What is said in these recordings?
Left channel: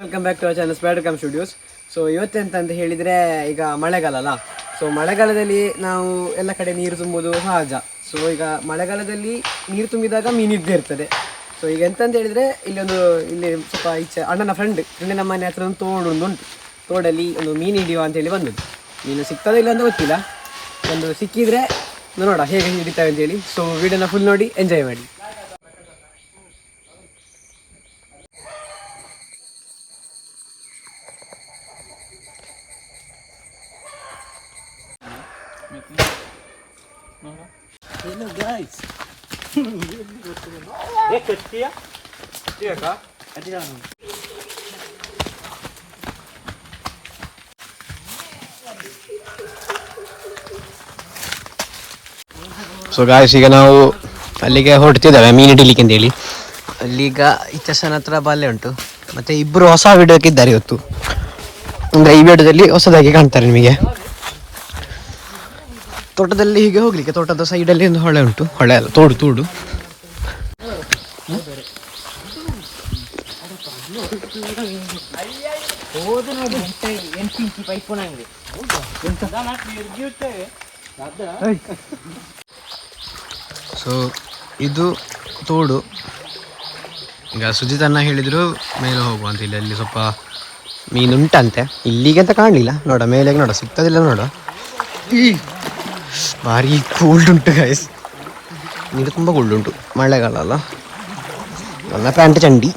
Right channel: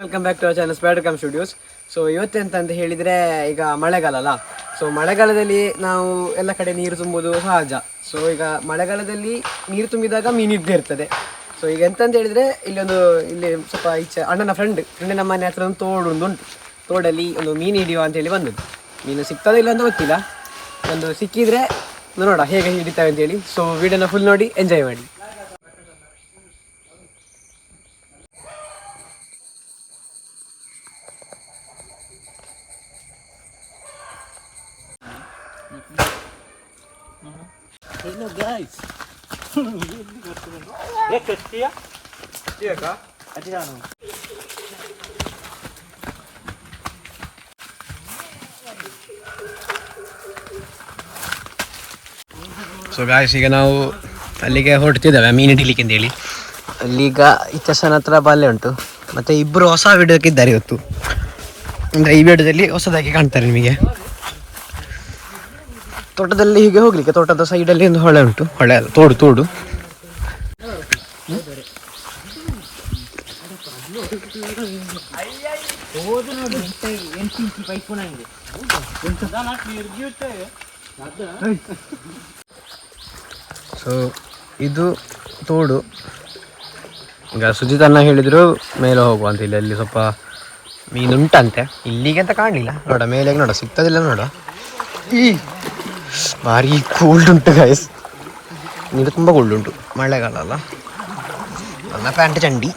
Welcome back to our channel Spider Cam Studios. So ಇವತ್ತೆಂತ ಹೇಳಿದರೆ ಈಗ ಮಳೆಗಾಲ ಅಲ್ಲ. ಸೊ ಮಳೆಗಾಲದಲ್ಲಿ ನಾವು ಎಲ್ಲ ಕಡೆ ನೀರು ತುಂಬುವುದು ಸಹಜ. ಸೊ ಈಗ ಮಳೆಗಾಲದಲ್ಲಿ ನೀರು ತುಂಬಿದಾಗ ಮೀನು ಇದ್ದೇ ಇರ್ತದೆ. ಸೊ ಈಗ ಎಂತಂತ ಹೇಳಿದರೆ ಇಲ್ಲಿ ಸ್ವಲ್ಪ ಈಚೆ ಅಣ್ಣನ ಫ್ರೆಂಡಿನ ಮನೆ ಹತ್ರ ಒಂದು ಉಂಟು. ತೋಡಲ್ಲಿ ಒಂದು ಮೀನು ಹಿಡಿಯುವ ಅಂತೇಳಿ ಬಂದದ್ದು. ಮೀನು ಸಿಗ್ತದೆ ಇಲ್ಲ ಅಂತ ಗೊತ್ತಿಲ್ಲ, ಒಂದು ಸಿಕ್ಕಿದರೆ ನೋಡ ಹೇಗೆ ಹಿಡಿತಾವೆ ಅಂತೇಳಿ. ಸೊ ವಿಡಿಯೋನ ಫುಲ್ ನೋಡಿ ಎಂಜಾಯ್ ಮಾಡಿ. Hello guys. ಸೊ ಗಾಯ್ಸ್, ಈಗ ನಾವು ಅಲ್ಲಿಗೆ ಹೊರಡ್ತಿದ್ದೇವೆ ಮೀನು ಹಿಡಿಲಿಕ್ಕೆ ಅಂತೇಳಿ. ಅಲ್ಲೀಗ ಇಚ್ಚಸನ ಹತ್ರ ಬಲ್ಲೆ ಉಂಟು. ಮತ್ತು ಇಬ್ಬರು ಹೊಸ ವಿಡಿಯೋಕ್ಕೆ ಇದ್ದಾರೆ ಇವತ್ತು. ಅಂದರೆ ಈ ವಿಡಿಯೋದಲ್ಲಿ ಹೊಸದಾಗಿ ಕಾಣ್ತಾರೆ ನಿಮಗೆ. ತೋಟದಲ್ಲಿ ಹೀಗೆ ಹೋಗ್ಲಿಕ್ಕೆ, ತೋಟದ ಸೈಡಲ್ಲಿ ಒಂದು ಹೊಳೆ ಉಂಟು. ಹೊಳೆ ಅಲ್ಲ, ತೋಡು. ಸೊ ಇದು ತೋಡು. ಈಗ ಸುಜಿತ್ ಅಣ್ಣ ಹೇಳಿದ್ರು ಮೇಲೆ ಹೋಗುವ ಅಂತ. ಇಲ್ಲಿ ಸ್ವಲ್ಪ ಮೀನುಂಟಂತೆ. ಇಲ್ಲಿಗೆ ಅಂತ ಕಾಣಲಿಲ್ಲ. ನೋಡ ಮೇಲೆ ನೋಡ, ಸಿಗ್ತದಿಲ್ಲ ನೋಡ. ಭಾರಿ ಕೋಲ್ಡ್ ಉಂಟು ಗಾಯ್ಸ್, ನೀರು ತುಂಬ ಕೋಲ್ಡ್ ಉಂಟು. ಮಳೆಗಾಲ ಅಲ್ಲ. ನನ್ನ ಪ್ಯಾಂಟ್ ಚಂಡಿ,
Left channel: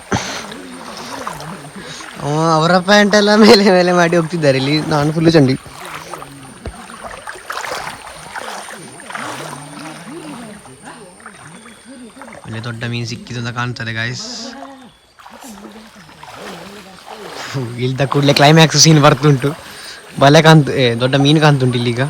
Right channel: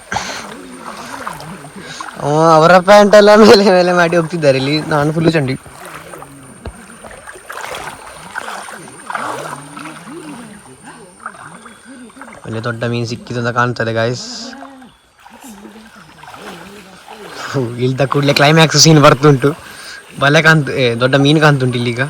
ಅವರ ಪ್ಯಾಂಟ್ ಎಲ್ಲ ಮೇಲೆ ಮಾಡಿ ಹೋಗ್ತಿದ್ದಾರೆ. ಇಲ್ಲಿ ನಾನು ಫುಲ್ಲು ಚಂಡಿ. ಅಲ್ಲಿ ದೊಡ್ಡ ಮೀನು ಸಿಕ್ಕಿತು ಅಂತ ಕಾಣ್ತದೆ ಗಾಯ್ಸ್. ಇಲ್ದ ಕೂಡಲೇ ಕ್ಲೈಮ್ಯಾಕ್ಸ್ ಸೀನ್ ಬರ್ತುಂಟು. ಬಲೆ ದೊಡ್ಡ ಮೀನು ಕಾಣ್ತುಂಟು ಇಲ್ಲೀಗ.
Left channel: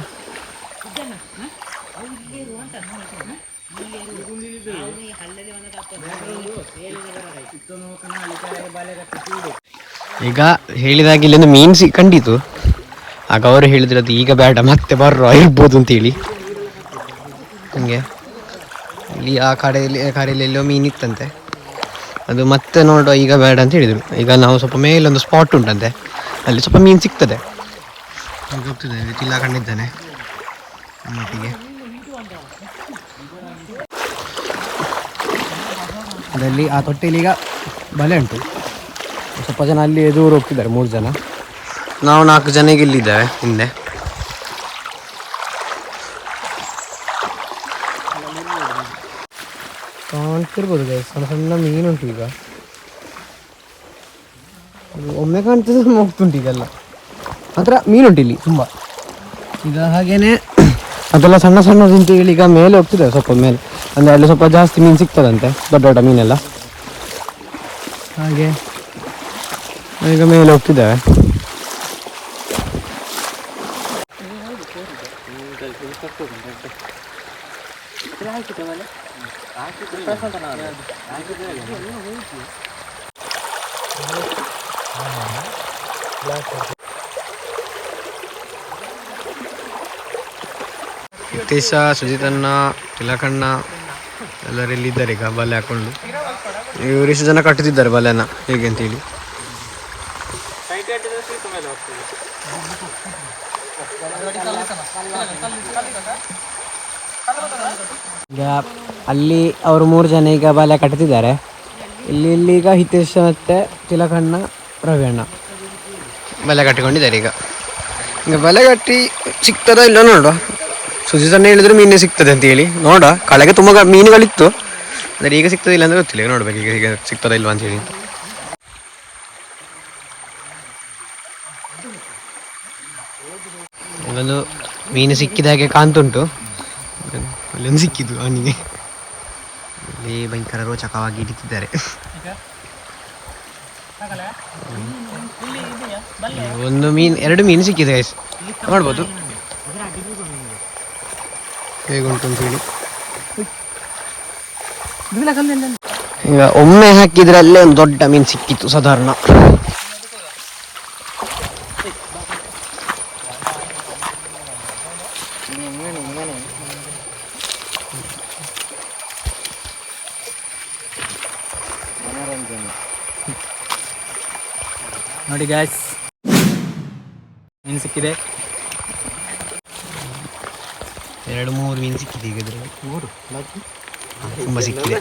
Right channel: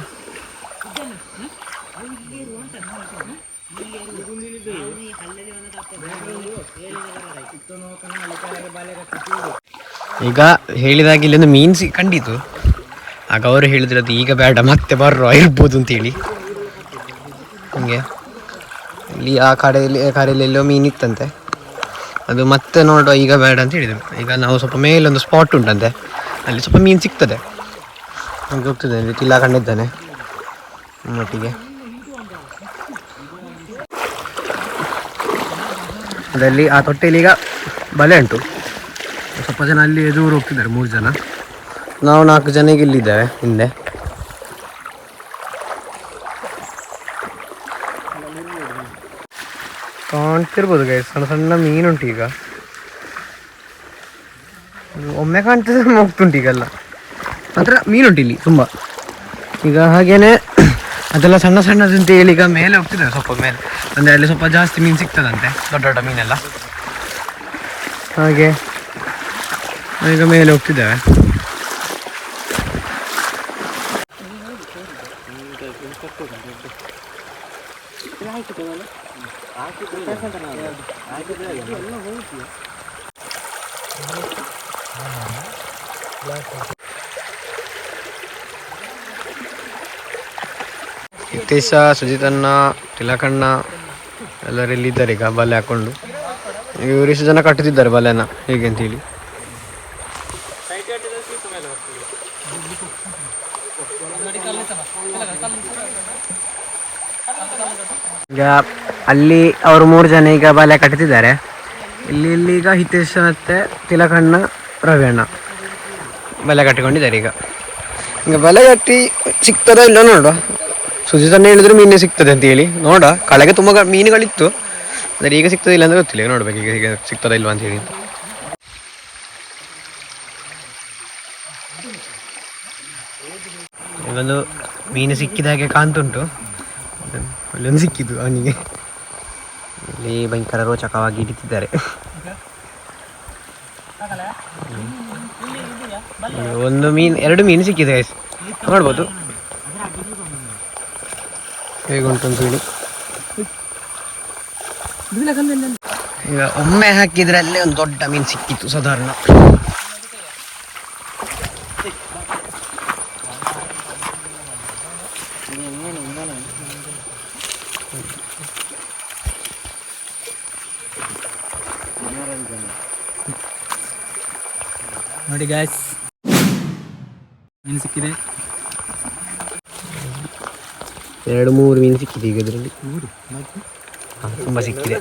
ಈಗ ಹೇಳಿದಾಗ ಇಲ್ಲೊಂದು ಮೀನು ಕಂಡಿತು. ಆಗ ಅವರು ಹೇಳಿದ್ರು ಅದು ಈಗ ಬೇಡ, ಮತ್ತೆ ಬರ್ರೋ ಇರ್ಬೋದು ಅಂತೇಳಿ. ಹಂಗೆ ಇಲ್ಲಿ ಆ ಕಡೆಯಲ್ಲಿ ಎಲ್ಲೋ ಮೀನು ಇತ್ತಂತೆ. ಅದು ಮತ್ತೆ ನೋಡುವ ಈಗ ಬೇಡ ಅಂತ ಹೇಳಿದರು. ಈಗ ನಾವು ಸ್ವಲ್ಪ ಮೇಲೊಂದು ಸ್ಪಾಟ್ ಉಂಟಂತೆ, ಅಲ್ಲಿ ಸ್ವಲ್ಪ ಮೀನು ಸಿಗ್ತದೆ. ಹಂಗೆ ಹೋಗ್ತದೆ. ತಿಲ್ಲ ಕಂಡಿದ್ದಾನೆ ಮಟ್ಟಿಗೆ. ಅದರಲ್ಲಿ ಆ ತೊಟ್ಟೆಯಲ್ಲಿ ಈಗ ಬಲೆ ಉಂಟು. ಸ್ವಲ್ಪ ಜನ ಅಲ್ಲಿ ದೂರ ಹೋಗ್ತಿದ್ದಾರೆ, 3 ಜನ. ನಾವು 4 ಜನ ಈಗ ಇಲ್ಲಿದ್ದೇವೆ ಹಿಂದೆ. ಕಾಣ್ತಿರ್ಬೋದು ಗೈಸ್, ಸಣ್ಣ ಮೀನುಂಟು. ಈಗ ಒಮ್ಮೆ ಕಾಣ್ತದೆ, ಹೋಗ್ತುಂಟು. ಈಗೆಲ್ಲ ಮಾತ್ರ ಮೀನುಂಟು ಇಲ್ಲಿ ತುಂಬ. ಈಗ ಹಾಗೇನೆ ಅದೆಲ್ಲ ಸಣ್ಣದಂತ ಹೇಳಿ ಈಗ ಮೇಲೆ ಹೋಗ್ತಿದ್ದಾರೆ, ಸ್ವಲ್ಪ ಮೇಲೆ. ಅಂದರೆ ಅಲ್ಲಿ ಸ್ವಲ್ಪ ಜಾಸ್ತಿ ಮೀನು ಸಿಗ್ತದಂತೆ, ದೊಡ್ಡ ಮೀನೆಲ್ಲ. ಹಾಗೆ ಈಗ ಮೇಲೆ ಹೋಗ್ತಿದ್ದೇವೆ. ಹಿತೇಶ, ಸುಜಿತಣ್ಣ, ತಿಲಕಣ್ಣ ಎಲ್ಲರೆಲ್ಲಿದ್ದಾರೆ ಈಗ ಬಲೆ ಹಾಕೊಂಡು. ಇವರಿಷ್ಟು ಜನ ಕಟ್ಟುತ್ತಿದ್ದಾರೆ ಬಲೆನ ಹೇಗೆ ಅಂತೇಳಿ. ಈಗ ಅಲ್ಲಿ ಅವರು 3 ಜನ ಈಗ ಬಲೆ ಕಟ್ಟುತ್ತಿದ್ದಾರೆ. ಇಲ್ಲಿ ಈಗ ಹಿತೇಶ್ ಮತ್ತೆ ತಿಲಕಣ್ಣ, ರವಿಯಣ್ಣ ಬಲೆ ಕಟ್ಟಿಕೊಂಡಿದ್ದಾರೆ. ಈಗ ಬಲೆ ಕಟ್ಟಿ ಸಿಗ್ತದೋ ಇಲ್ಲ ನೋಡುವ. ಸುಜಿತಣ್ಣ ಹೇಳಿದ್ರು ಮೀನೇ ಸಿಗ್ತದೆ ಅಂತ ಹೇಳಿ. ನೋಡ, ಕಳೆಗೆ ತುಂಬ ಮೀನುಗಳಿತ್ತು. ಅಂದರೆ ಈಗ ಸಿಗ್ತದೆ ಇಲ್ಲ ಅಂತ ಗೊತ್ತಿಲ್ಲ. ಈಗ ನೋಡ್ಬೇಕು ಈಗ ಸಿಗ್ತದ ಇಲ್ವಾ ಅಂತೇಳಿ. ಇಲ್ಲೊಂದು ಮೀನು ಸಿಕ್ಕಿದ ಹಾಗೆ ಕಾಣ್ತುಂಟು. ಅಲ್ಲೊಂದು ಸಿಕ್ಕಿದ್ದು ಅವನಿಗೆ. ಇಲ್ಲಿ ಭಯಂಕರ ರೋಚಕವಾಗಿ ಹಿಡಿತಿದ್ದಾರೆ. ಒಂದು ಮೀನು, 2 ಮೀನು ಸಿಕ್ಕಿದೆ ಗೈಸ್, ನೋಡ್ಬೋದು ಹೇಗುಂಟು ಅಂತ ಹೇಳಿ. ಈಗ ಒಮ್ಮೆ ಹಾಕಿದ್ರೆ ಅಲ್ಲೇ ಒಂದು ದೊಡ್ಡ ಮೀನು ಸಿಕ್ಕಿತ್ತು ಸಾಧಾರಣ. ನೋಡಿ ಗಾಯ್ಸ್, ಮೀನು ಸಿಕ್ಕಿದೆ. 2-3 ಮೀನು ಸಿಕ್ಕಿದೆ ಈಗ ಇದರಲ್ಲಿ. 3 ತುಂಬ ಸಿಕ್ಕಿದೆ.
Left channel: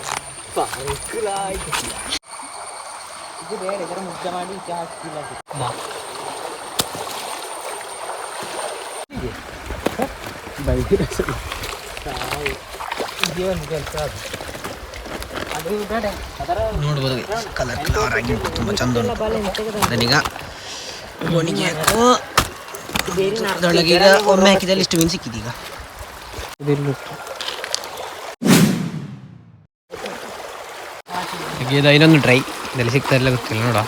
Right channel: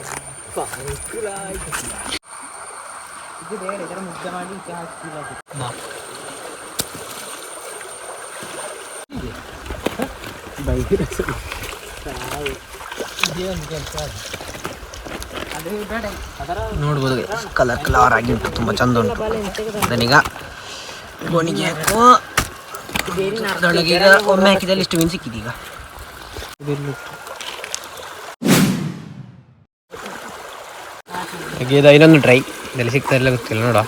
ನೋಡ್ಬೋದು ಕಲರ್ ಆಗಿ ಉಂಟು, ತುಂಬ ಚಂದ ಉಂಟು. ಅದನ್ನೀಗ ಗೋಣಿಗೆ ಅದರೊಳಗೆ ಈಗ ಒಮ್ಮೆ ಹಾಕಿದಲ್ಲಿ ಇಷ್ಟು ಮೀನು ಸಿಕ್ಕಿದೆ. ಈಗ ಹಾಗೆ ಇನ್ನೊಂದು ಟ್ರೈ ಇದರಲ್ಲಿ ಸಿಗ್ತಾ ಇಲ್ಲ ಗೊತ್ತಿಲ್ಲ ನೋಡ.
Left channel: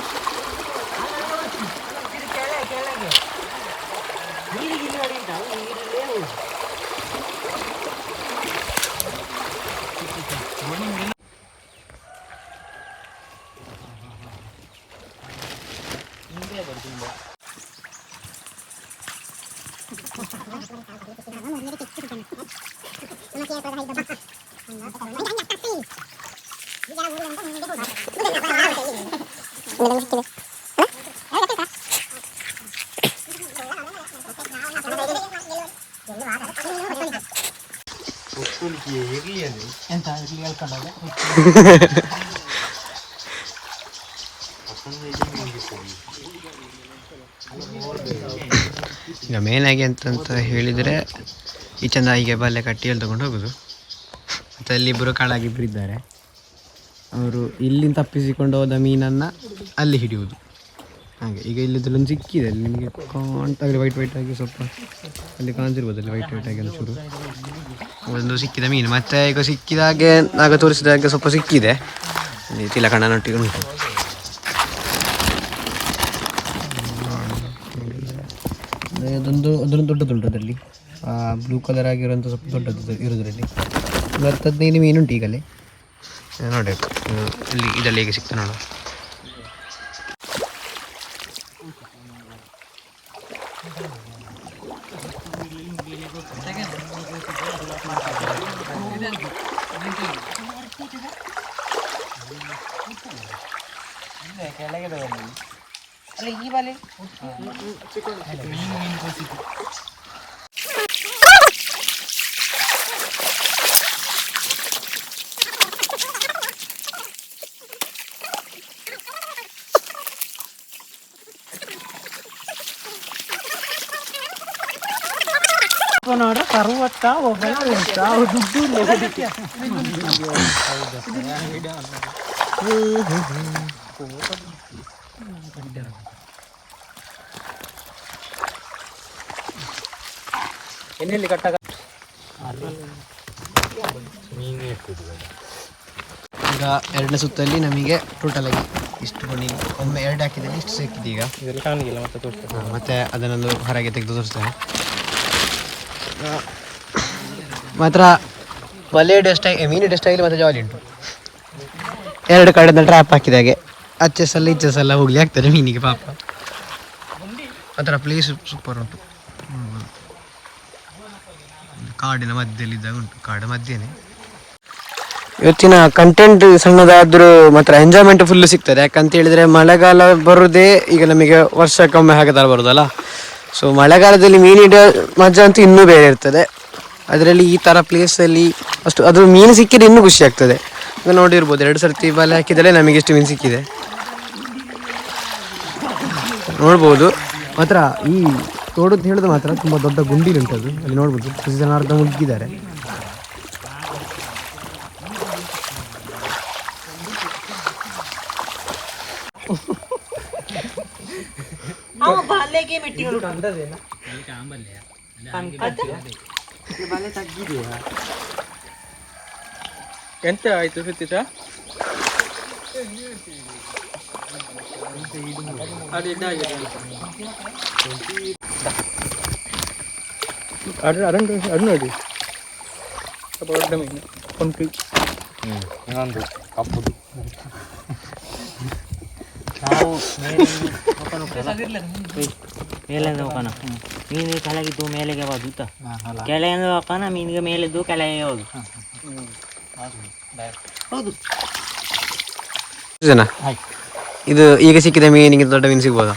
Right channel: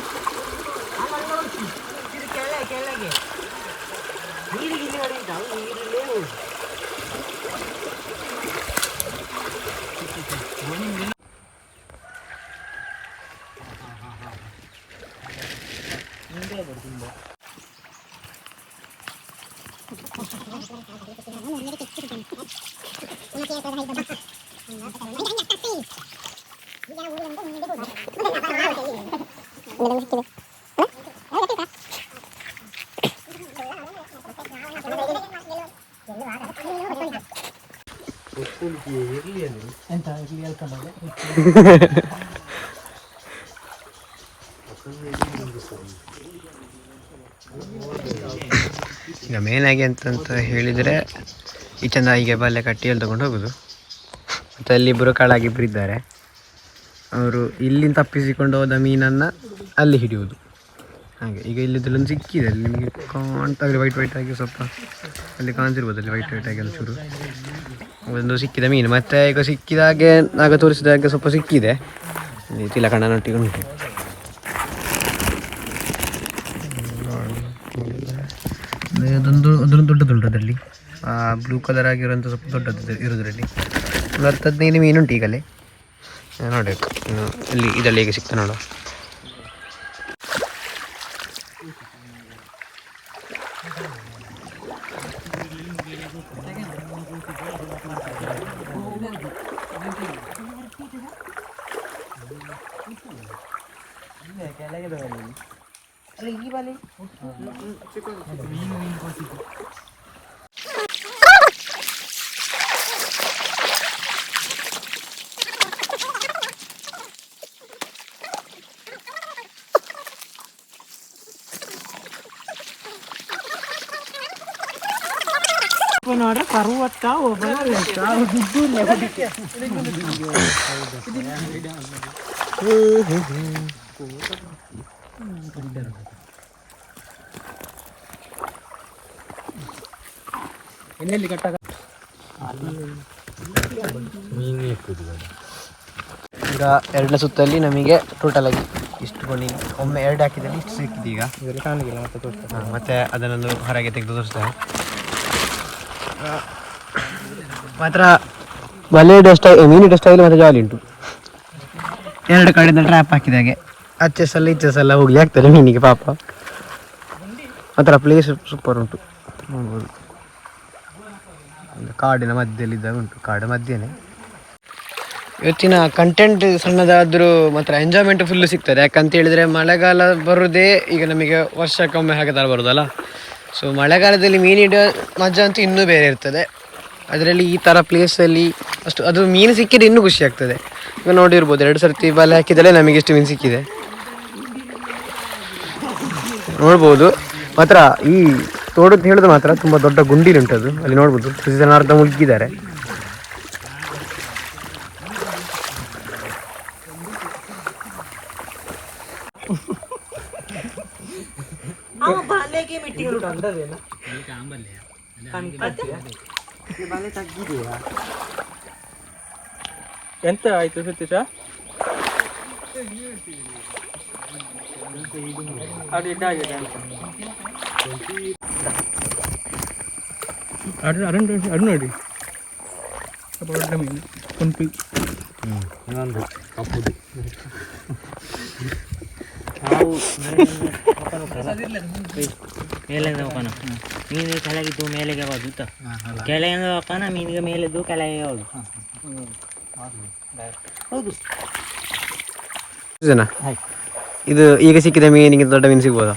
ಎಂತ ಇರ್ಲಿ ಹೇಳ್ಕೊಂಡೋಗ. ಈಗ ಮೇನಾಗಿ ಅಂತಂತ ಹೇಳಿದರೆ ಈ ಚಂದ ಹೀಗೆ ಬಲ್ಲೆ ಕಟ್ಟಿ ಎಲ್ಲಿ ತಗೊಂಡು ಹೋಗೋದು. ಮತ್ತು ಅಲ್ಲಿ ಇಬ್ಬರು ಕಾಳಾಗಿಬ್ಬರು ಇದ್ದಾರೆ, ಅವರು ಇಲ್ಲಿಂದ ತಪ್ಪಿಸಿಕೊಂಡು ಹೋದ ಮೀನನ್ನು ಅಲ್ಲಿ ಹಿಡಿಯುವುದು. ಹಾಗೆ ಈಗ ಇಲ್ಲಿದ್ದಲ್ಲೊಂದು ಸಿಕ್ಕಿದೆ, ಅಲ್ಲಿ ನಿಮಗೆ ಕಾಣ್ತಾಗಲಿ ವೈಟ್ ಆಗಿ ಸ್ವಲ್ಪ ಅಲ್ಲಿ ಕಾಣ್ತಿರ್ಬೋದು, ಅಲ್ಲಿ ವೈಟ್ ಆಗಿ ಒಂಚೂರು ಒಂದು ಸಿಕ್ಕಿದ ಮೀನು. ಮತ್ತು ಈಗ ಸಿಕ್ಕಿದಾಗೆ ಆಗ ತೋರಿಸಿದಾಗೆ ಸ್ವಲ್ಪ ಸಿಕ್ಕಿದೆ, ತಿಲಕಣ್ಣನೊಟ್ಟಿಗೆ ಉಂಟು. ಅದೊಂದು ದೊಡ್ಡದುಂಟು ಅದರಲ್ಲಿ, ಬ್ಲೂ ಕಲರ್ ಆಗಿರೋಂಥ ಸ್ವಲ್ಪ ದೊಡ್ಡದು ಇರೋದ್ರಲ್ಲಿ 10-15 ಮೀನುಂಟು ಈಗಲೇ. ನೋಡಬೇಕು ಇಲ್ಲಿ ಇದರಲ್ಲಿ ಹೇಗೆ ಸಿಗ್ತಾ ನೋಡುವ. ನೋಡ್ರೆ 60 ದುಡ್ಡು ಇಲ್ಲ ಹೊಡಿಕೆ. ಎಣ್ಣೆಲ್ಲಿ ಕಟ್ಟಾಗ ಈಗ ಎರಡನೇ ಸುತ್ತಲ್ಲಿ ನಮಗೆ ಟೋಟಲ್ ಆಗಿ ಇಷ್ಟು ಕೊಂಡಿಗೆ ಒಮ್ಮೆ 2 ಹಾಕಿದಲ್ಲಿ ಇಷ್ಟು ಸಿಕ್ಕಿದೆ. ಈಗ ಇದೆಲ್ಲ ಕಾಣಲಿಲ್ಲ, ಮತ್ತೆ ತೋರಿಸ್ತಾರೆ. ಮತ್ತೆ ಅದನ್ನೊಂದು ಹೊರಗೆ ತೆಗೆದು ತೋರಿಸ್ತೇನೆ. ಮಾತ್ರ ಬಲೆയുടെ ಸ್ಟೈಲ್, ಮೀನಿನ ಸ್ಟೈಲ್ ಮತ್ತು ಜಾಲಿ ಉಂಟು. 2 ಕಡೆಯಿಂದ ಟ್ರ್ಯಾಪ್ ಹಾಕಿದಾಗೆ ಅಚ್ಚೆಸಲ್ಲ ಇಚ್ಚೆಸಲ್ಲ ಹೋಗಿ ಆಗ್ತದೆ ಮೀನಿಗೆ ಪಾಪ. ಮಾತ್ರ ಪ್ಲೇಸ್ ಸೂಪರ್ ಉಂಟು, ನೋಡ್ಬೋದು. ಕಾಡಿನ ಮಧ್ಯದಲ್ಲಿದ್ದಾಗ ಉಂಟು, ಕಾಡು ಮಧ್ಯೆನೇ. ಇವತ್ತಿನ ಕಂಟೆಂಟ್ ಸಣ್ಣದಾದರೂ ಮಾತ್ರ ಎಂಜಾಯ್ಮೆಂಟ್ ಫುಲ್ಲು ಸಿಗ್ತದೆ. ಯಾಕಂತ ಹೇಳಿದರೆ ಮಳೆಗಾಲ ಬರೋದೇ ಈಗ ನಮಗೆ ವರ್ಷಕ್ಕೊಮ್ಮೆ ಹಾಗೆ ಥರ ಬರೋದಲ್ಲ. ಸೊ ಮಳೆಗಾಲದಲ್ಲಿ ಮೀನಿಡುವ ಮಜಾ ಅಂತೂ ಇನ್ನೂ ಬೇರೆ ಇರ್ತದೆ. ಅದರಲ್ಲಿ ಈ ಥರ ಪ್ಲೇಸಲ್ಲಿ ಅಷ್ಟು ಅದು ಮೀನು ಸಿಕ್ಕಿದ್ರೆ ಇನ್ನೂ ಖುಷಿ ಆಗ್ತದೆ. ಈಗ ನೋಡಿರ್ಬೋದು 2 ಸರ್ತಿ ಬಲೆ ಹಾಕಿದಲ್ಲೇ ನಮಗೆ ಎಷ್ಟು ಮೀನು ಸಿಕ್ಕಿದೆ ನೋಡ್ಬೋದು. ಮಾತ್ರ ಈ ತೋಡು ಅಂತ ಹೇಳಿದ್ರೆ ಮಾತ್ರ ತುಂಬ ದೊಡ್ಡ ಗುಂಡಿಲುಂಟದು, ಅಲ್ಲಿ ನೋಡ್ಬೋದು. ಅರ್ಧ ಮುಳುಗಿದ್ದಾರೆ. ಎಂತ ಆಯ್ತು ಸತೀಶ? ಅಡನೇದು ಕಂಪ್ಲೀಟ್ ಇನ್ನೊಂದು ಕಪ್ಪುದು ಮೇಲಿಂದ ಹೋಗೋಣ. ಮೀನಿಗೆ ಕೆಳಗಿದ್ದು ಮೇಲೆಗೆ ಹೋದು, ಕೆಳಗಿಂದ ಹೋಗೋಣ ಮೀನಿಗೆ ಮೇಲಿದ್ದು ಕೆಳಗೆ ಹೋದು. ಹೌದು ಜನ ಇದು ಈಗ ಸಿಕ್ಕಿದ ಮೀನಿಗೆ ದೊಡ್ಡ ಮೀನು ಸಿಗ್ಬೋದಾ?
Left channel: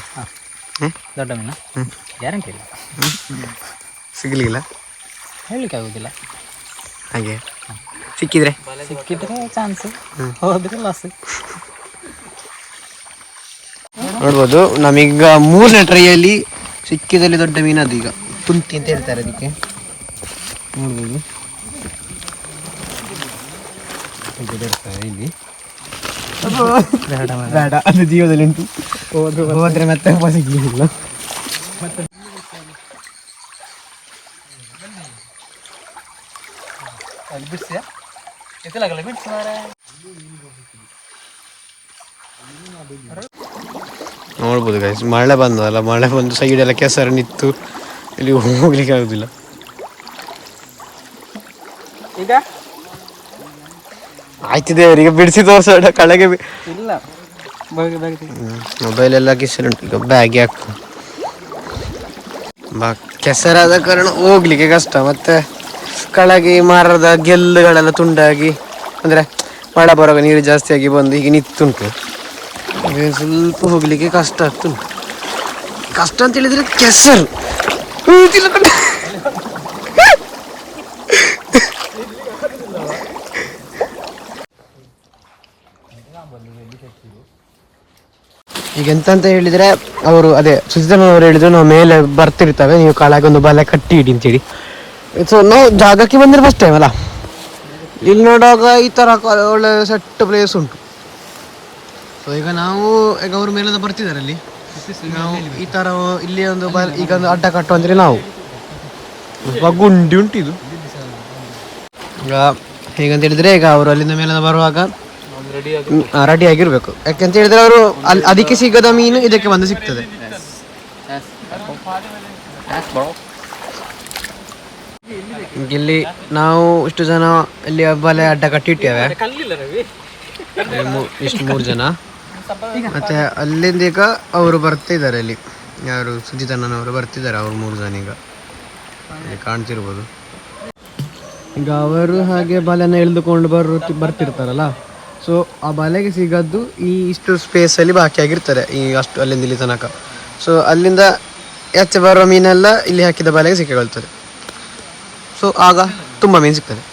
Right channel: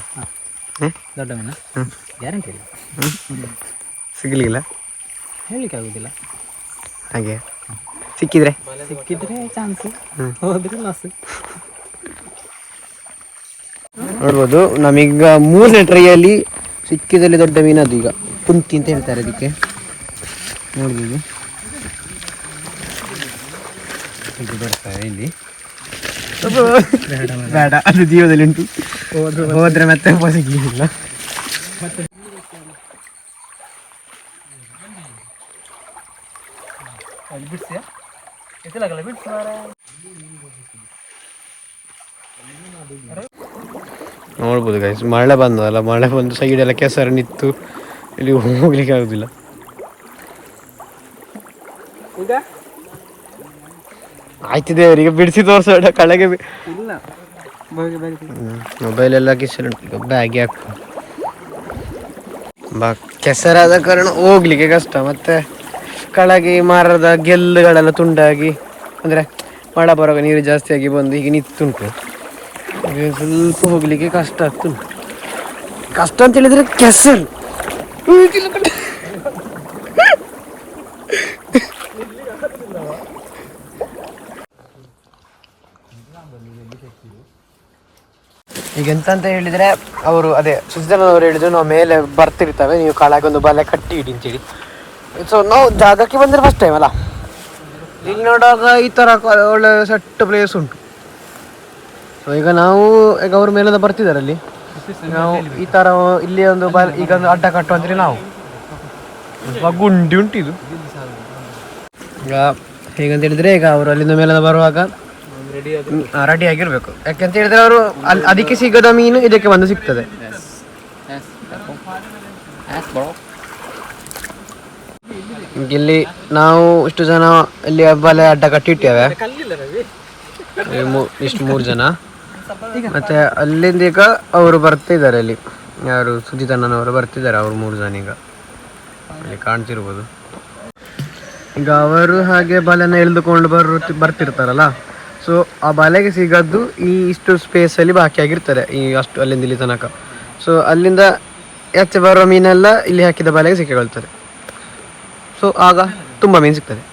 ದೊಡ್ಡ ಮೀನು ಗ್ಯಾರಂಟಿ ಇಲ್ಲ, ಸಿಗಲಿಲ್ಲ ಹೇಳಲಿಕ್ಕೆ ಆಗೋದಿಲ್ಲ. ಹಾಗೆ ಸಿಕ್ಕಿದ್ರೆ ಸಿಕ್ಕಿದ್ರೆ ಚಾನ್ಸ್, ಹೋದ್ರೆ ಲಾಸ್. ನೋಡ್ಬೋದು ನಮೀಗ 3ನೇ ಟ್ರೈಯಲ್ಲಿ ಸಿಕ್ಕಿದಲ್ಲಿ ದೊಡ್ಡ ಮೀನು. ಅದು ಈಗ ಕುಂತಿ ಅಂತ ಹೇಳ್ತಾರೆ ಅದಕ್ಕೆ. ನೋಡ್ಬೋದು ಇಲ್ಲಿ ಬೇಡ, ಅದು ಜೀವದಲ್ಲಿ ಉಂಟು, ಹೋದ್ರೆ ಮತ್ತೆ ಸಿಗ್ಲಿಲ್ಲ. ನೋಡ್ಬೋದು ಗೈಸ್, ಮಳೆ ಬಂದಲ್ಲ, ಮಳೆ ಬಂದು ಸೈಡ್ ಎಲ್ಲ ಕೆಸರು ನಿಂತು ಇಲ್ಲಿ ಹೋಗ್ಲಿಕ್ಕೆ ಆಗುದಿಲ್ಲ. ಈಗ ಆಯ್ತಿದೆ ಅವರಿಗೆ ಬಿಡಿಸಿ ತೋರ್ಸೋಣ ಕಳೆಗೆ. ಇಲ್ಲ, ಮೊಬೈಲ್ ಎಲ್ಲ ಕಿಸರುಂಟು, ಈಗ ಬ್ಯಾಗ್ಗೆ ಹಾಕು. ಕೆಸರಾದ ಕಾರಣ ಹೋಗ್ಲಿಕ್ಕೆ ಕಷ್ಟ. ಮತ್ತೆ ಕೆಳಗೆ ಮರದ ಗೆಲ್ಲುಗಳೆಲ್ಲ ತುಂಡಾಗಿ, ಅಂದರೆ ಮಳೆ ಬರುವಾಗ ನೀರು ಜಾಸ್ತಿ ಆಗಿ ಬಂದು ಈಗ ನಿಂತುಂಟು. ಸ್ವಲ್ಪ ಹೋಗ್ಲಿಕ್ಕೆ ಕಷ್ಟ ಆಗ್ತುಂಟು. ಕಷ್ಟ ಅಂತ ಹೇಳಿದ್ರೆ ಕೆಸರು. ಈಗ ಎಂತ ಹೇಳಿದ್ರೆ ಅವರು ಅದೇ ಸಿದ್ದಣ್ಣವರು ಹೇಳಿದ್ರು, ನಾವು ಮೇಲೆ ಬರ್ತಿರ್ತವೆ, ನೀವು ಕೆಳಗೊಂದು ಬಲೆ ಕಟ್ಟಿ ಇಡಿ ಅಂತೇಳಿ. ಸೊ ನಾವು ಜಾಗಕ್ಕೆ ಬಂದಿರೋ ಫಸ್ಟ್ ಟೈಮ್ ಅಲ್ಲ, ಇಲ್ಲಿ ನೋಡುವಾಗ ಈ ಥರ ಒಳ್ಳೆ ಸೆಟ್ ಪ್ಲೇಸ್ ಉಂಟು. ಸೊ ಈಗ ನಾವು ಈಗ ಅವ್ರ ಮೇಲಿಂದ ಬರ್ತಿದ್ದಾರೆ ಅಲ್ಲಿ, ನಾವು ಈ ಥರ ಇಲ್ಲಿ ಒಂದು ಈಗ ಒಂದು ಅಡ್ಡ ಕಟ್ಟುವಂದ್ರೆ ನಾವು ಗುಂಡಿ ಉಂಟು ಇದು. ಈಗ ಹೇಗಂತ ಹೇಳಿದ್ರೆ, ಈಗ ಅವರು ಅಲ್ಲಿಂದ ಮೇಲಿಂದ ಬರುವಾಗ ರೆಡಿ ಆಗಿರ್ಬೇಕು. ಯಾಕೆಂತ ಹೇಳಿದ್ರೆ ಅವರು ಅದಕ್ಕೆ ಸಿಗದ ಮೀನು ಇದಕ್ಕೆ ಬಂದು ಸಿಗ್ತದೆ. ಇಲ್ಲಿ ನಾವು ಇಷ್ಟು ಜನ ಇಲ್ಲಿ ಬಲೆ ಅಡ್ಡ ಕಟ್ಟಿಟ್ಟೇವೆ, ಇಷ್ಟು 3 ಜನ. ಮತ್ತೆ ಅಲ್ಲಿಂದ ಈಗ ಅವರು ಬರ್ತಿದ್ದಾರೆ, ಅಲ್ಲಿ ಯಾರು ಸುಜಿತಣ್ಣನವರು ಬರ್ತಿದ್ದಾರೆ, ಅವರು 3 ಜನ ಈಗ ಅಲ್ಲಿ ಕಾಣ್ತಿರ್ಬೋದು. ಈಗ ಅವರು ಹಾಗೆ ಬಲೆನ ಎಳೆದುಕೊಂಡು ಬರ್ತಿರ್ತಾರಲ್ಲ, ಸೊ ಆ ಬಲೆಗೆ ಸಿಗದ್ದು ಈ ಇಷ್ಟು ಸ್ಪೇಸಲ್ಲಿ ಬಾಕಿ ಆಗಿರ್ತಾರೆ, ಈ ಅಷ್ಟು ಅಲ್ಲಿಂದ ಇಲ್ಲಿ ತನಕ. ಸೊ ಅಲ್ಲಿಂದ ಹೆಚ್ಚು ಬರೋ ಮೀನೆಲ್ಲ ಇಲ್ಲಿ ಹಾಕಿದ ಬಲೆಗೆ ಸಿಕ್ಕಿಕೊಳ್ತಾರೆ. ಸೊ ಆಗ ತುಂಬ ಮೀನು ಸಿಗ್ತದೆ.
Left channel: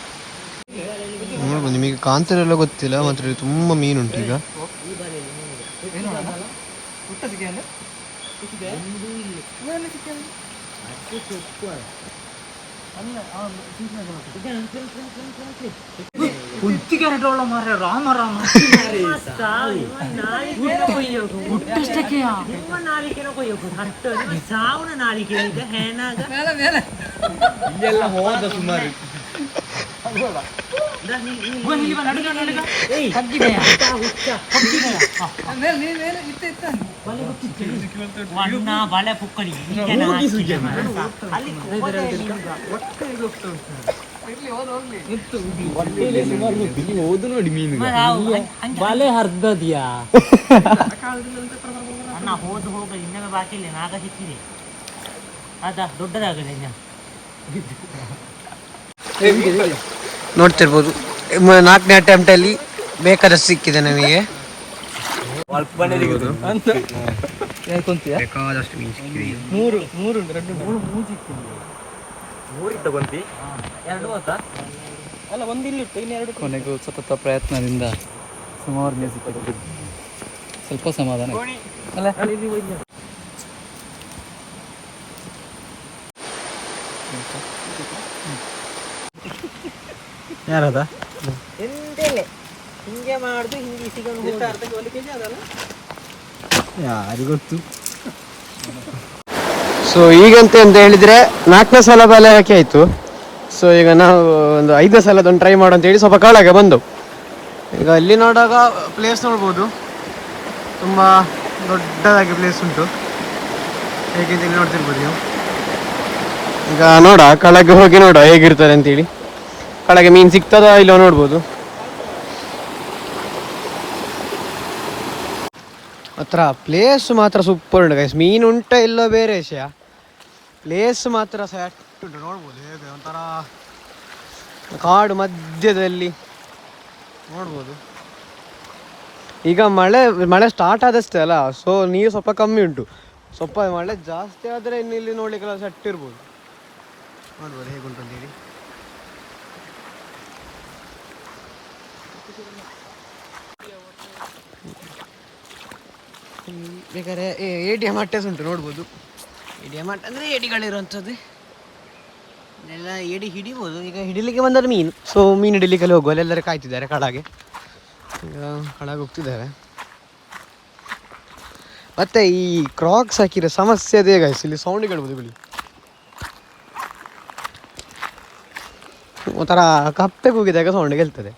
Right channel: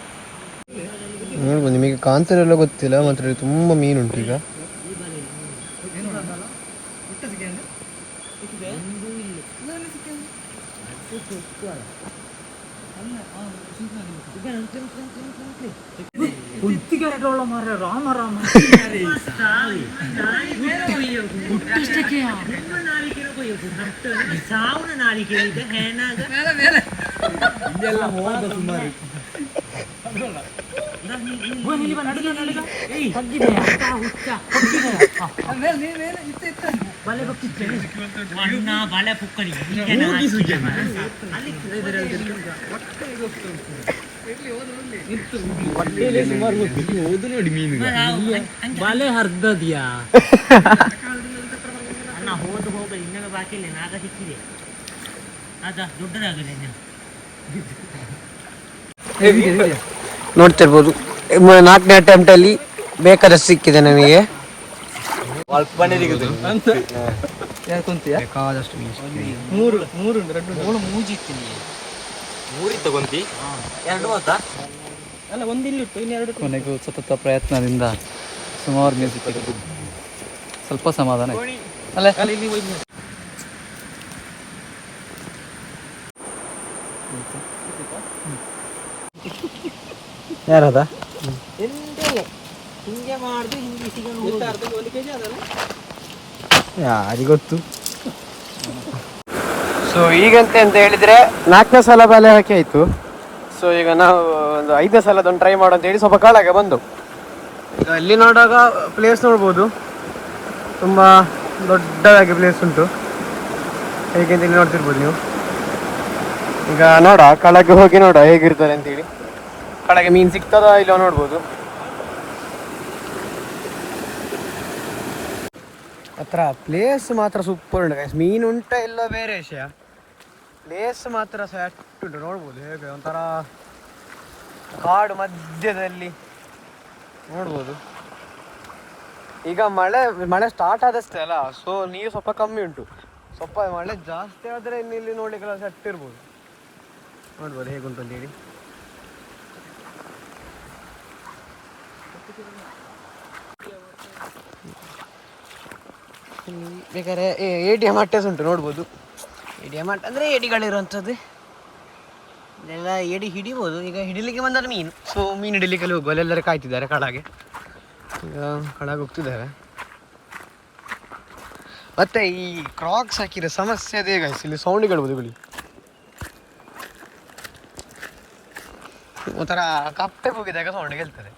ನೋಡ್ಬೋದು, ನಿಮಗೆ ಕಾಂತರೆಲ್ಲ ಗೊತ್ತಿಲ್ಲ, ಮಾತ್ರ ತುಂಬ ಮೀನುಂಟು ಈಗ. ಬಲೆ ಪುಕ್ಕಡಿ ಬಲೆ ಹರ್ದದ್ಯಾ ಅಣ್ಣ, ಹೋದ ಹೋಗಲಿ, ಇನ್ನೊಮ್ಮೆ ಬಾಕಿ ಇಲ್ಲ, ನಾಗ ಸಿಕ್ಕಿದೆ. ಅದ ದೊಡ್ಡದಾಗಲಿ ಇನ್ನ. ನೋಡ್ತಿರ್ಬೋದು, 4ನೇ ಅಟೆಂಪ್ಟ್ ಅಲ್ಲಿ ಬೇಕಾದಷ್ಟು ಸಿಕ್ಕಿದೆ ನಮಗೆ. ಕೊನೆಗೂ ಸತತ ಪ್ರಯತ್ನದಿಂದ ಸುಮಾರು ಮೀನು ಸಿಕ್ಕಿದೆ. ಸ್ವಲ್ಪ ಸಮಾಧಾನ ಅಲ್ಲ. ಯಾರದ ಹಿಂಗೆ ಮಾಡುದು, ಹಿಂಗೆ ಸಿಗೋದು. ಯಾರಿಗೆ ಗೊತ್ತು. ಸೊ ಈಗಂತ ಅಂತ ಹೇಳಿದ್ರೆ 4ನೇ ಸಲ ಬಲೆ ಹಾಕಿ ಆಯ್ತು. ಸೊ ಈಗ ನಾವು ಒಂದು 5ನೇ ಸಲ ಅದನ್ನು ಟ್ರೈ ಮಾಡೋ ಅಂತೇಳಿ ಸ್ವಲ್ಪ ಕಾಳಾಗ ಬಂದು ಈಗ ಇಲ್ಲಿ ನೋಡುವಾಗ ಪ್ಲೇಸ್ ನೋಡ್ಬೋದು, ತುಂಬ ದೊಡ್ಡದಾಗಿ ಪ್ಲೇಸ್ ಉಂಟು. ಹೇಗೆ ಇಲ್ಲಿ ನೋಡ್ತಿರ್ಬೋದು ನೀವು. ಈಗ ನೋಡ ಕೆಳಗೆ ಹೋಗಿ ನೋಡ ಹೇಗಿರ್ತದೆ ಅಂತೇಳಿ. ಕೆಳಗೆ ಮೀನು ಸಿಗ್ತದ ಇಲ್ಲೋ ನೋಡ್ಬೋದು. ಹತ್ರ ಪ್ಲೇಸ್ ಮಾತ್ರ ಸೂಪರ್ ಉಂಟು ಗೈಸ್. ಮೀನು ಉಂಟ ಇಲ್ಲೋ ಬೇರೆ ವಿಷಯ, ಪ್ಲೇಸ್ ಮಾತ್ರ ಸೆಟ್ ಉಂಟು. ನೋಡ್ಬೋದು ಹೇಗೆ ಒಂಥರ ಕಾಡು ಮಧ್ಯದಲ್ಲಿ ನೋಡ್ಬೋದು. ಈಗ ಮಳೆ ಸ್ಟಾರ್ಟ್ ಆದಷ್ಟೇ ಅಲ್ಲ, ಸೊ ನೀರು ಸ್ವಲ್ಪ ಕಮ್ಮಿ ಉಂಟು. ಸ್ವಲ್ಪ ಮಳೆ ಜಾಸ್ತಿ ಆದರೆ ಇಲ್ಲಿ ನೋಡ್ಲಿಕ್ಕೆಲ್ಲ ಸೆಟ್ ಇರ್ಬೋದು. ನೋಡ್ಬೋದು ಹೇಗುಂಟು ಅಂತೇಳಿ. ಬೇಕಾದ್ರೆ ATM ಅಟ್ಟೆಸ್ ಉಂಟು ನೋಡ್ಬೋದು. ATM ಅಟ್ಟ ಅಂದರೆ ಏಡಿಗಳಿರುವಂಥದ್ದು. ಇದೆಲ್ಲ ಏಡಿ ಹಿಡಿಬೋದು. ಈಗ ಹಿಡಿಲಿಕ್ಕೆ ಬಂದದ್ದು ಮೀನು, ಸೊ ಮೀನು ಹಿಡಿಲಿಕ್ಕೆ ಹೋಗುವ ಎಲ್ಲರೂ ಕಾಯ್ತಿದ್ದಾರೆ ಕಳಗೆ. ಈಗ ಕಳಗೆ ಹೋಗ್ತಿದ್ದಾರೆ. ಮತ್ತೆ ಈ ಕ್ರಾಕ್ಸ್ ಹಾಕಿರೋ ಸಮಸ್ಯೆ ಅದೇ ಗೈಸ್, ಇಲ್ಲಿ ಸೌಂಡ್ ಕೇಳ್ಬೋದು. ಬಿಳಿ ಒಂಥರ ಕಪ್ಪೆ ಕೂಗಿದಾಗ ಸೌಂಡ್ ಕೇಳ್ತದೆ.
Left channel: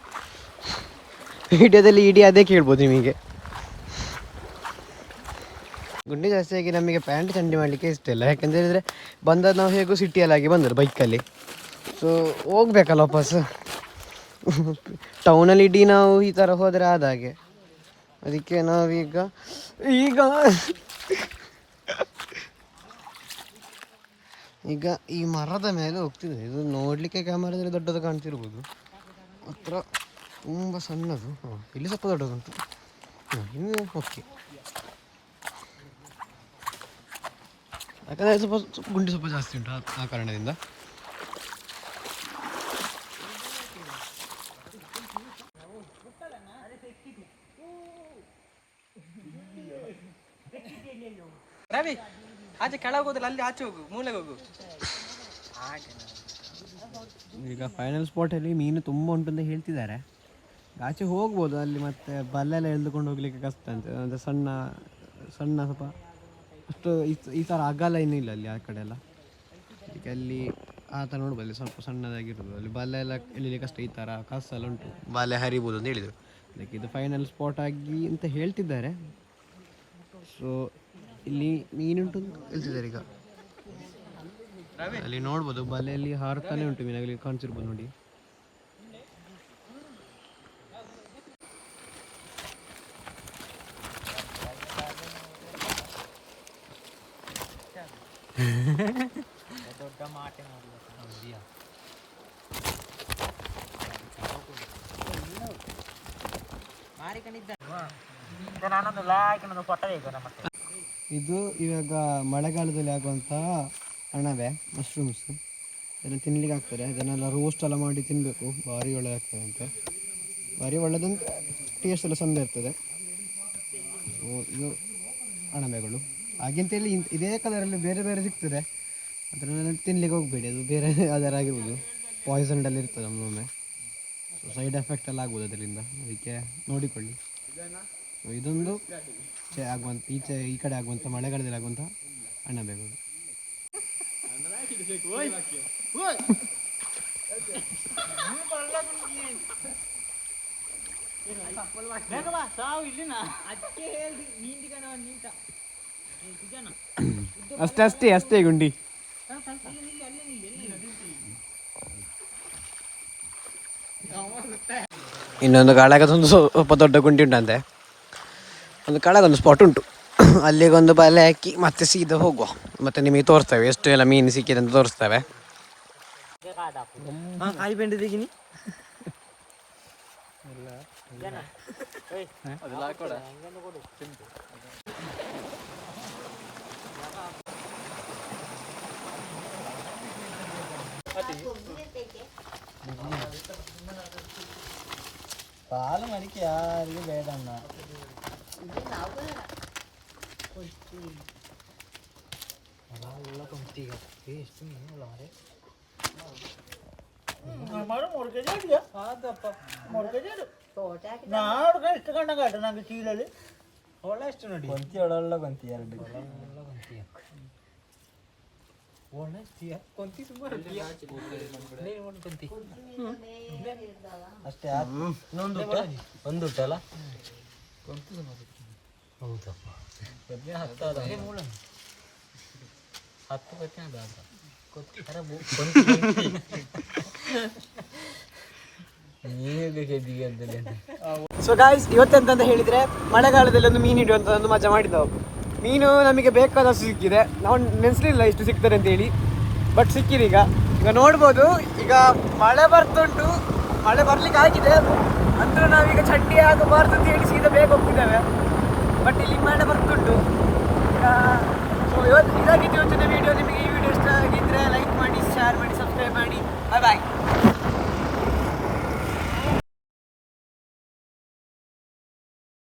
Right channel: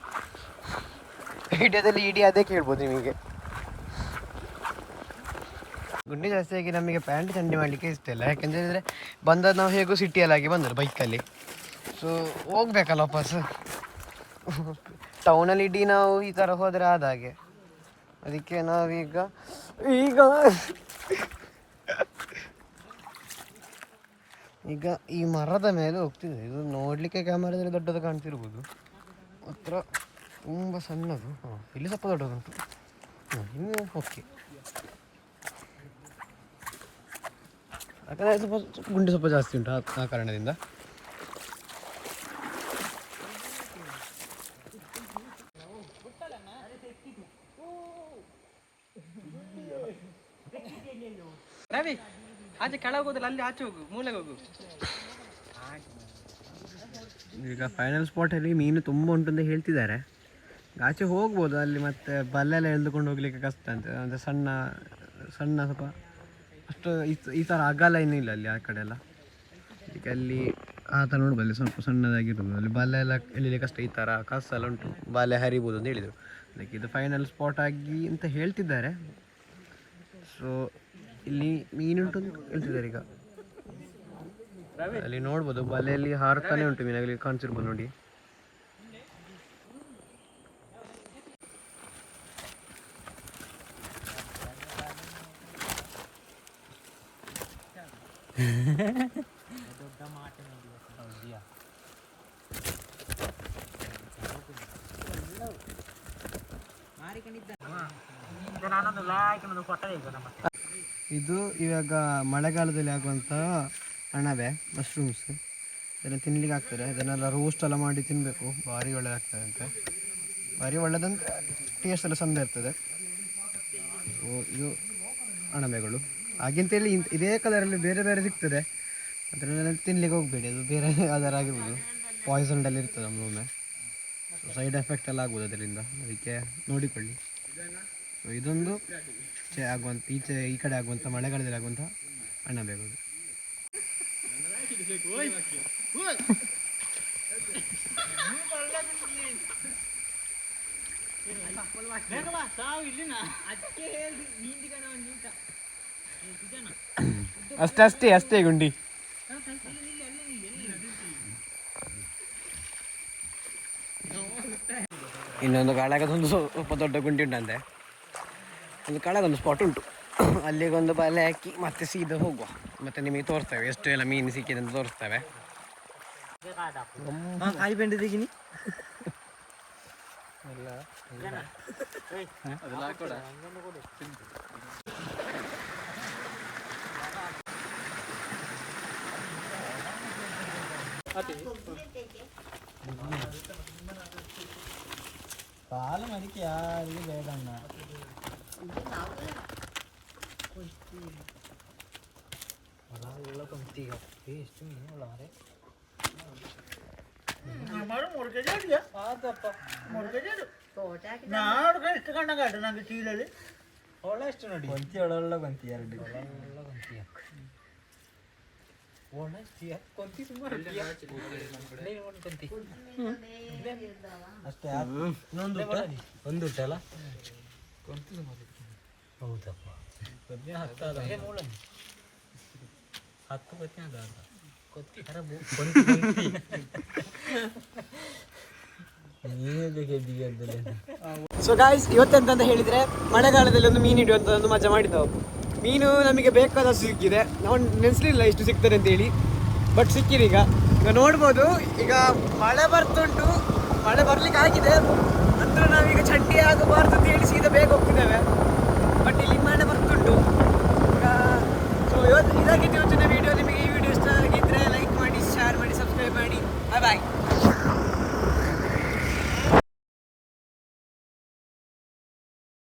ವಿಡಿಯೋದಲ್ಲಿ ಇಡೀ ಅದೇ ಕೇಳ್ಬೋದು ನಿಮಗೆ. ಗುಂಡಿ ಜಾಸ್ತಿಯಾಗಿ ನಮಗೆ ಪ್ಯಾಂಟ್ ಚಂಡಿ ಮಾಡಲಿಕ್ಕೆ ಇಷ್ಟ ಇಲ್ಲ. ಯಾಕೆಂದರೆ ಬಂದದ್ದು ನಾವು ಹೇಗೂ ಸಿಟಿಯಲ್ಲಾಗಿ ಬಂದರು ಬೈಕಲ್ಲಿ, ಸೊ ಹೋಗ್ಬೇಕಲ್ಲ ವಾಪಸ್ಸು. ಟೌನಲ್ಲಿ ಇಡೀ ನಾವು ಈ ಥರ ಹೋದರೆ ಆದ ಹಾಗೆ. ಅದಕ್ಕೆ ನಾವೀಗ ಈಗ ಈ ಮರದ ಮೇಲೆ ಹೋಗ್ತಿದ್ದೆ. ಇದು ನೋಡಲಿಕ್ಕೆ ಕ್ಯಾಮರಾದಲ್ಲಿ ದೊಡ್ಡದು ಕಾಣ್ತಿರ್ಬೋದು, ಹತ್ರ ತುಂಬ ಸಣ್ಣದು. ಇಲ್ಲಿ ಸ್ವಲ್ಪ ದೊಡ್ಡದುಂಟು. ಇನ್ನು ಓಕೆ, ಯಾಕಂದರೆ ಸ್ವಲ್ಪ ಗುಂಡಿ ಸ್ವಲ್ಪ ಜಾಸ್ತಿ ಉಂಟು ಆ ಕಾರಣದಿಂದ. ರವಿ ಆಚೆ ಕೆಳಗೆ ಹೋದ್ರೆ ಅಲ್ಲಿ ಆಚೆ ಹೋಗು, ಮೂಲೆಗೆ ಹೋಗು. ಈಗ ಫೈನಲ್ ಸ್ಪಾಟಲ್ಲಿ ಮೀನು ತುಂಬ ಉಂಟು ಅಂತ ಹೇಳ್ತಿದ್ದಾರೆ. ಆಚೆ ಹೋಗ್ಬೋದು, ಅಲ್ಲಿ ಮತ್ತೆ ಬಲ್ಲೆಲ್ಲ ಎಳೆದುಕೊಂಡು ಹೋಗ್ಲಿಕ್ಕೆ ಕಷ್ಟ ಅಂತ. ಅಂದರೆ ಸಣ್ಣ ಸಣ್ಣ ಸ್ವಲ್ಪ ಅಷ್ಟು ಈ ಥರ ಅಗಲ ಏನೂ ಇಲ್ಲ ಅಲ್ಲಿ ಆ ಕಡೆ ಎಲ್ಲ. ಅದಕ್ಕೆ ಅಲ್ಲಿ ಆ ಥರ ನೋಡ್ಬೋದು, ಅಲ್ಲಿ ಸ್ವಲ್ಪ ಸಣ್ಣದಾಗಿರ್ಬೋದು. ಅಲ್ಲಿ ಬಲ್ಲೆ ಎಲ್ಲ ಎಳಿಲಿಕ್ಕೆ ಕಷ್ಟ. ಈ ಥರ ಕಸೆಲ್ಲ ಉಂಟು, ಬಲ್ಲೆ ಹರಿಬೋದು ಅಂತ ಹೇಳಿದರು. ಅದಕ್ಕೆ ಇದು ಫೈನಲ್ ಸ್ಪಾಟ್ ಆಗಿ ಅಂತ ಹೇಳ್ತಿದ್ದಾರೆ. ಸೊ ಇಲ್ಲಿ ಮೀನುಂಟು ಅಂತ ಹೇಳ್ತಿದ್ದಾರೆ. ಈಗ ಅಲ್ಲಿ ನೋಡ್ಬೋದು, ಬಲೆಯಲ್ಲಿ ಹಾರ್ತಾನೆ ಉಂಟು ಮೀನಾಗಲಿ ಕಾಣಿಸಿರ್ಬೋದು ನೋಡಿ. ಇದು ಇವಾಗ ಮಳೆಗಾಲದಲ್ಲಿ ಆಗುವಂತಹ ಅಣಬೆ, ಮಶ್ರೂಮ್ಸ್. ಇದನ್ನು ತಿನ್ಲಿಕ್ಕೆ ಆಗ್ತದೆ. ಇದನ್ನೆಲ್ಲ ರೋಸ್ಟ್ ಎಲ್ಲ ಮಾಡಿ ತಿನ್ನಬೇಕು, ಭಾರಿ ಒಳ್ಳೆದಾಗ್ತದೆ ಅಂತೆ. ಭಾರಿ ಒಳ್ಳೆದಂತ ಟೇಸ್ಟ್ ಎಲ್ಲ ಚಂದ ಇರ್ತದೆ. ಸೊ ಇದು ಅಣಬೆಗಳು. ಹಾಗೆಂತೇಳಿ ಇದೇ ಕಲರಲ್ಲಿ ಬೇರೆ ಬೇರೆ ಸಿಗ್ತದೆ, ಅದನ್ನೆಲ್ಲ ತಿನ್ಲಿಕ್ಕೆ ಹೋಗಬೇಡಿ. ಅದು ಬೇರೆ ಯಾವ್ದಾರಾಗಿರ್ಬೋದು, ಪಾಯ್ಸನ್ಡಲ್ಲಿ ಇರ್ತದೆ ಒಮ್ಮೊಮ್ಮೆ. ಸೊ ಸೈಡ್ ಎಫೆಕ್ಟ್ ಎಲ್ಲ ಆಗ್ಬೋದು ಅದರಿಂದ, ಅದಕ್ಕೆ ನೋಡಿಕೊಳ್ಳಿ. ಸೊ ಇದೊಂದು ಆಗುವಂಥ ಈ ಕಡೆ ಆಗುವಂಥ ಮಳೆಗಾಲದಲ್ಲಿ ಆಗುವಂಥ ಅಣಬೆಗಳು. ಅಷ್ಟೇ ಗುಂಡಿ. ಇನ್ನೊಂದು ಕಾಳಗದೊಂದು ಸ್ವಲ್ಪ ದೊಡ್ಡ ಗುಂಡಿ ಉಂಟಂತೆ. ಒಂದು ಕಾಳಗೊಂದು ಸ್ಪಾಟ್ ಉಂಟು, ಅಲ್ಲಿಗೊಂದು ಬಲೆ ಹಾಕಿ ಮತ್ತೆ ಸೀದಾ ಹೋಗುವ. ಮತ್ತೆ ನಿಮಗೆ ತೋರಿಸ್ತೇವೆ ಎಷ್ಟು ಎಲ್ಲ ಮೀನು ಸಿಕ್ಕಿದೆ ಅಂತ ತೋರಿಸ್ತೇವೆ. ಪಾಲು ಮಡಿಕೆ ಯಾರಿಗೂ ಬೇಡಣ್ಣ. ಎಷ್ಟು ಮೀನು ಮಾರೆ ಎಷ್ಟು ಕಂಡಂಗಾಟ ನಂಗೆ ಚೀಲಲ್ಲಿ ಒಳ್ಳೆ ಎಷ್ಟು ನೋಡಿ ಕೊಂತಿ ಒಳ್ಳೆ ಕೊಂತಿ ಎರಡು ಒಳ್ಳೆ ಕೊಂತಿ ಸುಮಾರು ಕೊಂತಿ ಅಷ್ಟೇ. ಇನ್ನೊಂದು ಒಂದು ಉಂಟಲ್ಲ ಕೊಂತಿ ಸುಮಾರು. ಹೌದಪ್ಪ, 10 ಸೊ ಗಾಯ್ಸ್, ಇವತ್ತೆಂತ ಹೇಳಿದ್ರೆ ಮಳೆಗಾಲದಲ್ಲಿ ಒಂದು ಮೀನು ಹಿಡಿಯುವಂತ ಒಂದು ಮಜಾ ಮಾಡಿದ್ದವು. ಮೀನು ನಮಗೆ ಬೇಕಾದಷ್ಟು ಸಿಕ್ಕಿದೆ. ನಾವು ನೆನೆಸಲಿಲ್ಲ ಇಷ್ಟು ಸಿಗ್ತದೆ ಅಂತೇಳಿ, ಬಟ್ ಸಿಕ್ಕಿದೆ. ಈಗ ನೋಡ್ಬೋದು, ಈಗ ಮಳೆ ಬರ್ತುಂಟು, ಮಳೆ ಬರ್ಲಿಕ್ಕೆ ಆಗಿದೆ. ಅಂದ್ರೆ ನಾವೀಗ ಚಡ್ಡಿ ಆಗಬಾರ್ದು ಅಂತ ಹೇಳಿ ಸೀದಾ ಬೇಗ ಹೋಗ್ತಿದ್ದೇವೆ. ಬಟ್ ಇಲ್ಲಿ ಹಿಮಾಲಯ ಬರ್ತುಂಟು ಈಗ. ಸೊ ಇದಾಗಿತ್ತು ಇವತ್ತಿನ ವಿಡಿಯೋ. ನಿಮಗೆ ಈ ವಿಡಿಯೋ ಇಷ್ಟ ಆಗಿದ್ದರೆ ಲೈಕ್ ಮಾಡಿ, ಶೇರ್ ಮಾಡಿ, ಸಬ್ಸ್ಕ್ರೈಬ್ ಮಾಡಿ. ಬಾಯ್ ಬಾಯ್.